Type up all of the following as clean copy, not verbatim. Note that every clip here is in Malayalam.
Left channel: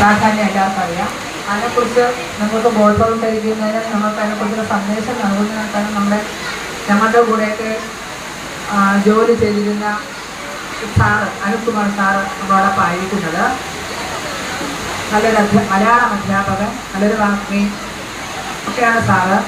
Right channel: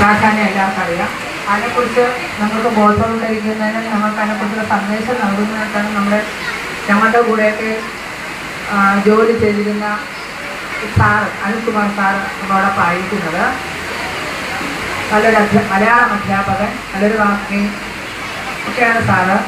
പ്രാധാന്യം എല്ലാവർക്കും അറിയാം. അതിനെക്കുറിച്ച് നിങ്ങൾക്ക് ബോധവൽക്കരിക്കുന്നതിന് ഞങ്ങൾക്ക് അതിനെക്കുറിച്ചുള്ള സന്ദേശം നൽകുന്നതായിട്ടാണ് ഞങ്ങളുടെ കൂടെയൊക്കെ ജോലി ചെയ്തിരുന്ന സാറ് അനിൽകുമാർ സാറ് നമ്മളോടൊപ്പം ആയിരിക്കുന്നത്. നല്ലൊരു മലയാളം അധ്യാപകൻ, നല്ലൊരു വാഗ്മി ഒക്കെയാണ് സാറ്.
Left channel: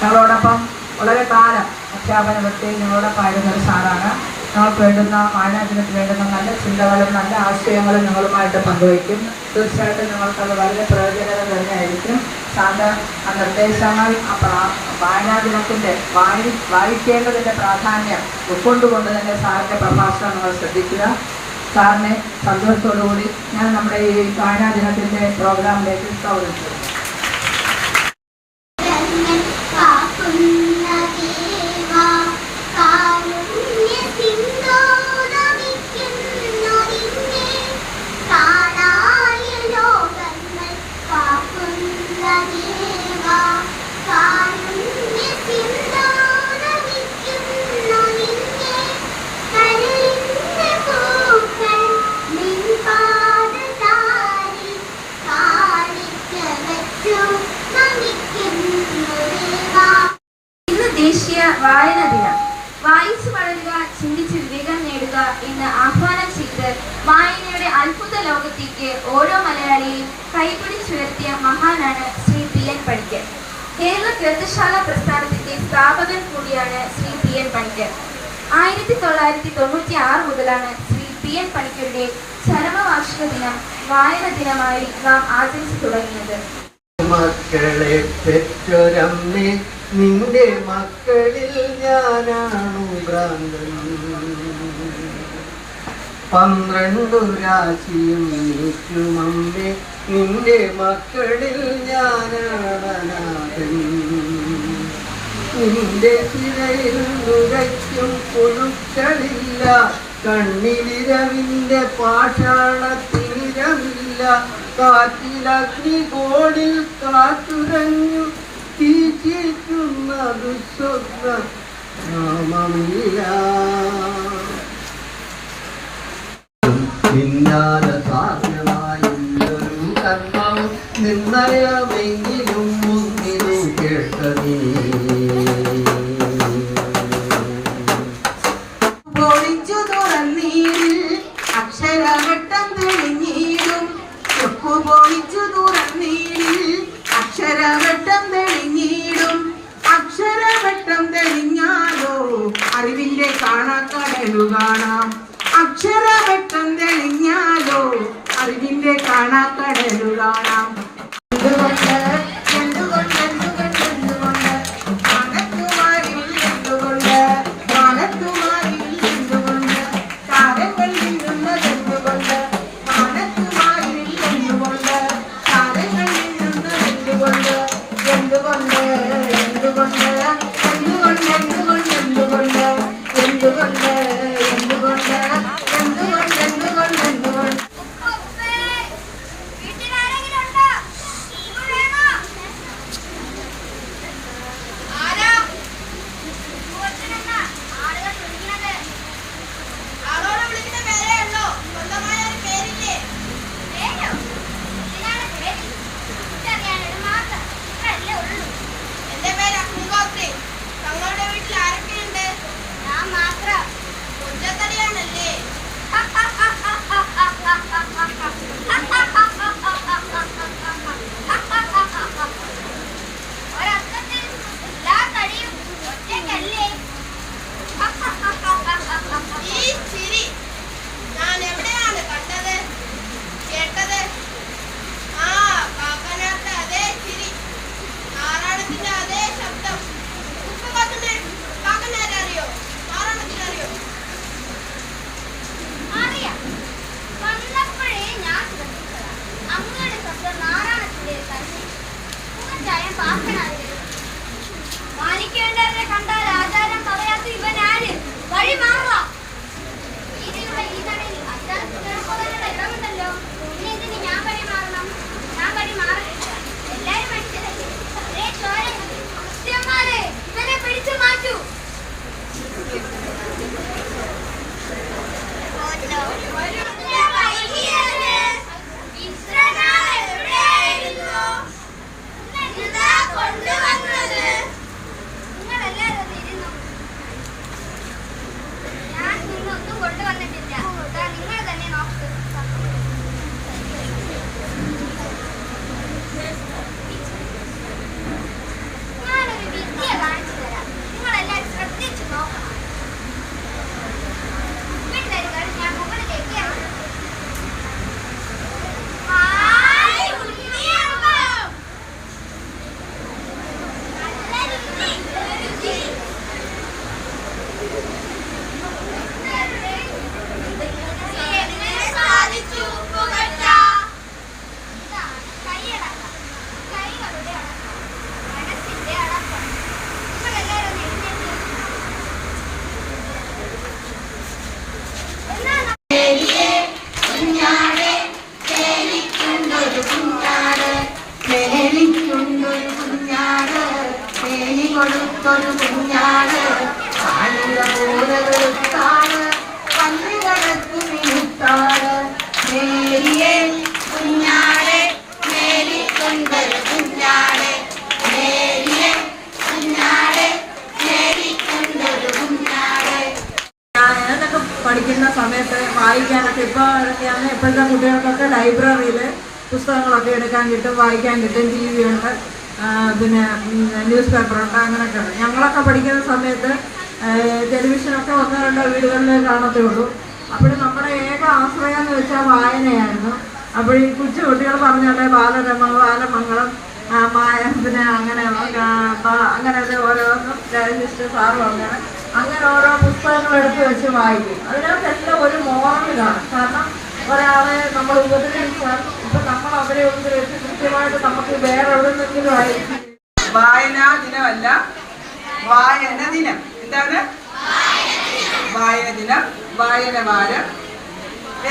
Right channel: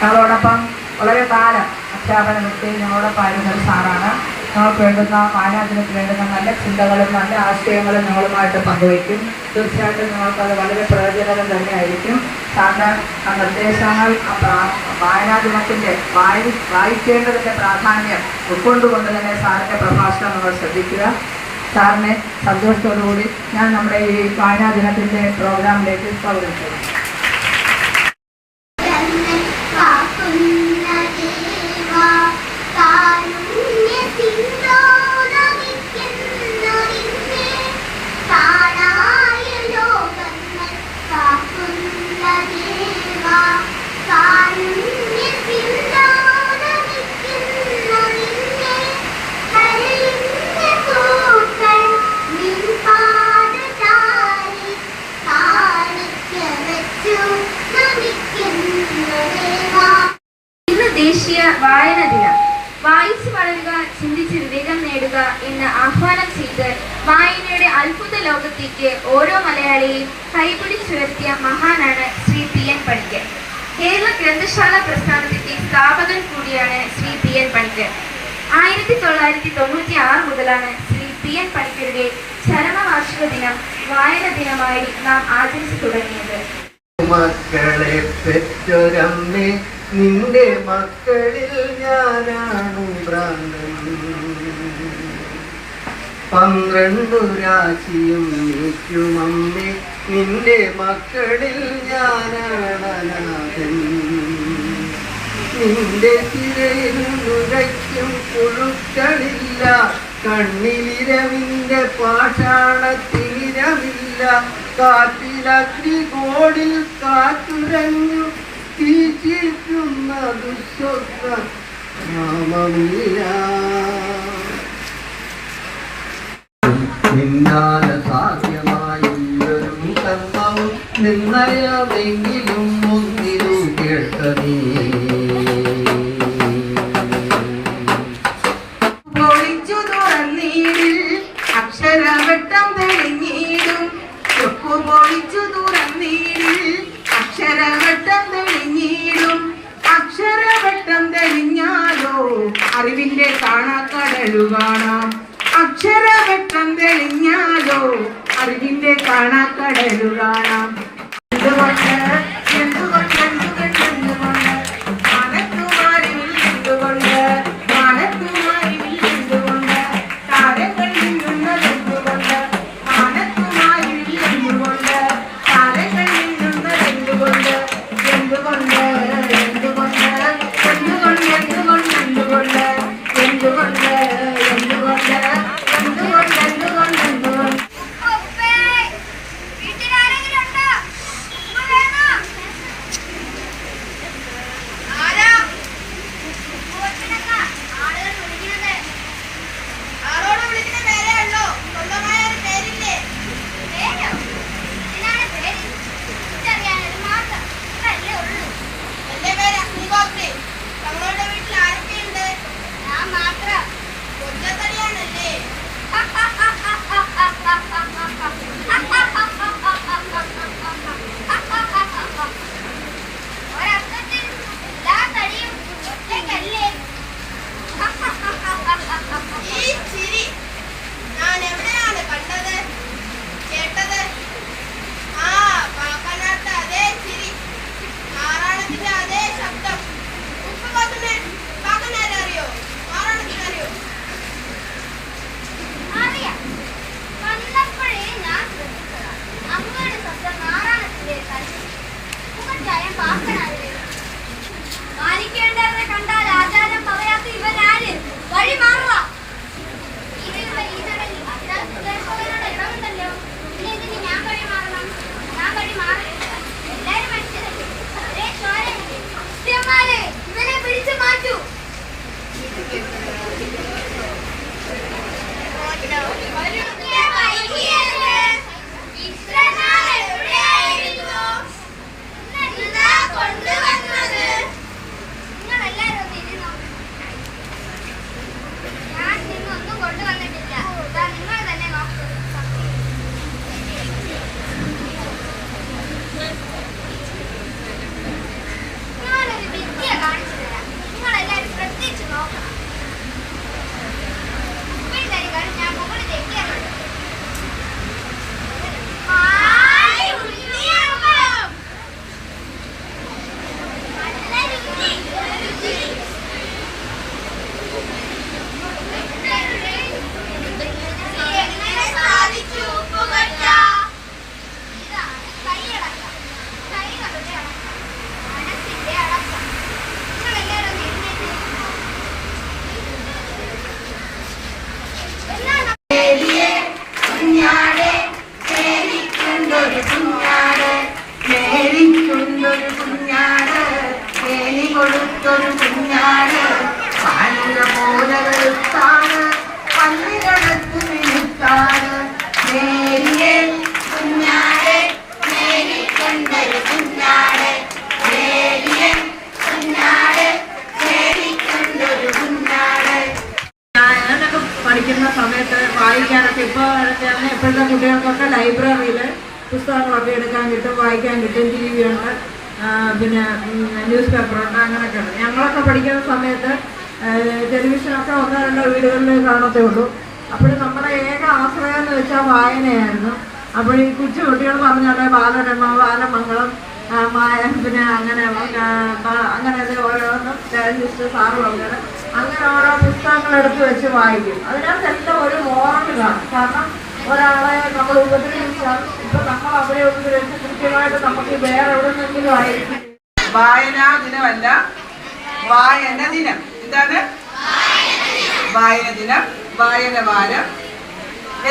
സാറോടൊപ്പം വളരെ കാലം അധ്യാപന വൃത്തിയിൽ ഞങ്ങളോടൊപ്പം ആയിരുന്ന ഒരു സാറാണ്. ഞങ്ങൾക്ക് വേണ്ടുന്ന വായനാദിനത്തിൽ വേണ്ടുന്ന നല്ല ചിന്തകളും നല്ല ആശയങ്ങളും ഞങ്ങളുമായിട്ട് പങ്കുവയ്ക്കും. തീർച്ചയായിട്ടും ഞങ്ങൾക്കത് വളരെ പ്രയോജനകം തന്നെയായിരിക്കും. സാറിന് ആ നിർദ്ദേശങ്ങൾ വായനാദിനത്തിൻ്റെ വായിക്കേണ്ടതിൻ്റെ പ്രാധാന്യം ഉൾക്കൊണ്ടുകൊണ്ട് തന്നെ സാറിൻ്റെ പ്രഭാഷണം നമ്മൾ ശ്രദ്ധിക്കുക. സാറിനെ സന്തോഷത്തോടുകൂടി ഞാൻ നമ്മുടെ ഈ വായനാദിനത്തിൻ്റെ പ്രോഗ്രാമിലേക്ക് സ്വാഗതം ചെയ്യും. ദേശീയ വായനാ ദിനം. വായിച്ചു വളരുക, ചിന്തിച്ച് വിവേകം നേടുക എന്ന് ആഹ്വാനം ചെയ്ത് വായനയുടെ അത്ഭുത ലോകത്തേക്ക് ഓരോ മലയാളിയെയും കൈപിടിച്ചുയർത്തിയ മഹാനാണ് ശ്രീ പി.എൻ. പണിക്കർ. കേരള ഗ്രന്ഥശാല പ്രസ്ഥാനത്തിന്റെ സ്ഥാപകൻ കൂടിയാണ് ശ്രീ പി.എൻ. പണിക്കർ. 1996 മുതലാണ് ശ്രീ പി.എൻ. പണിക്കരുടെ ചരമവാർഷിക ദിനം വായന ദിനമായി നാം ആചരിച്ചു തുടങ്ങിയത്. മക്കളെ പെറ്റൊരമ്മേ, നിന്റെ മക്കളിൽ ഞാനാണു ഭ്രാന്തൻ. 12 രാശിയും നീക്കുമമ്മേ, നിന്റെ മക്കളിൽ ഞാനാണനാഥൻ. നിന്റെ തിരയിൽ നുരയ്ക്കും പുഴുക്കളില്ല, കണ്ണിലിരവിന്റെ പാഷാണത്തിനിരമില്ല. കാറ്റിലഗ്നികോണിൽ കാറ്റുരഞ്ഞു തീറ്റിക്കുന്ന ദുസ്വപ്ന നാമമില്ല. നിന്നാലെ സാധ്യമായൊരു കർമ്മവും നിർണയമെങ്കിലും ഒന്നിനു കേൾക്കണേ. പൊളിച്ചു തുറന്നീടിൽ അക്ഷരവട്ടം തെളിഞ്ഞിടും. പൊളിച്ചു തുറന്നീടിൽ അക്ഷരവട്ടം തെളിഞ്ഞിടും. അക്ഷരവട്ടം തെളിഞ്ഞാലോ അറിവിന്റെ കാണാക്കടലു കാണാം. അക്ഷരവട്ടം തെളിഞ്ഞാലോ അറിവിന്റെ കാണാക്കടലു കാണാം. കുഞ്ഞാട് മേരിക്കുണ്ടൊരു കുഞ്ഞാട് മേരി കൊടുത്തൊരു കുഞ്ഞാട് പാലുര പോലെ വെളുത്താട് പന്നികടത്ത് വിഴുത്താട് മേരിയെ കുഞ്ഞാട് മേരിക്കുണ്ടൊരു കുഞ്ഞാട് മേരിയെ കുഞ്ഞാട് മേരിക്കുണ്ടൊരു കുഞ്ഞാട്. ഞാനൊക്കെ പഠിക്കുന്ന സമയത്ത് വായിക്കാനൊക്കെ ഇപ്പോഴത്തെ കുട്ടികൾക്കൊക്കെ ലൈബ്രറിയിൽ പുസ്തകങ്ങളൊക്കെ എടുക്കാൻ കിട്ടും, വായിക്കാൻ കിട്ടും, ടി വി ഉണ്ട്, പിന്നെ ന്യൂസ് പേപ്പറുണ്ട്, അങ്ങനെയൊക്കെ ഉണ്ട്. ഞങ്ങളൊക്കെ പഠിക്കുന്ന സമയത്ത് ടെലിവിഷനൊക്കെ ഒന്നോ രണ്ടോ വീടുകളിൽ കാണത്തേ ഉള്ളൂ. അപ്പോൾ നമ്മുടെ ഏക ആശ്രയം എന്ന് വെച്ചാൽ വായനയായിരുന്നു. അപ്പോൾ ഈ കൊച്ചു കുട്ടികൾ പറഞ്ഞാൽ ബാലരമ, ബാലമംഗളം, പിന്നെ അങ്ങനെ ഓരോന്നും രാജേഷ് സാറും അങ്ങനെ ഓരോ പുസ്തകങ്ങൾ എടുത്ത് വെച്ച് വായിക്കും. അതിനകത്തെല്ലാം ഒരു മോറൽ കാണും. കാരണം ഒരാളെ നമ്മൾ ഉപദ്രവിച്ചാൽ ഇപ്പൊ നമ്മൾ അവരെ ഉപദ്രവിച്ച് കൃത്യമായിട്ട് നമുക്ക് വേറെ എവിടെ നിന്നെങ്കിലും ആയിരിക്കും. വായനാ ദിനമല്ല, വായന ദിനം. എന്താണ് വായന ദിനം? വായന വാരം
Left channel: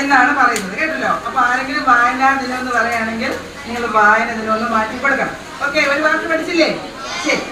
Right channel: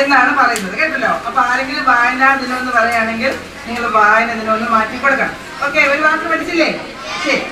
എന്നാണ് പറയുന്നത്, കേട്ടല്ലോ. അപ്പൊ ആരെങ്കിലും വായനാ ദിനം എന്ന് പറയുകയാണെങ്കിൽ നിങ്ങൾ വായന ദിനം ഒന്ന് മാറ്റി കൊടുക്കണം. ഓക്കെ, ഒരു വാക്ക് പഠിച്ചില്ലേ? ശരി.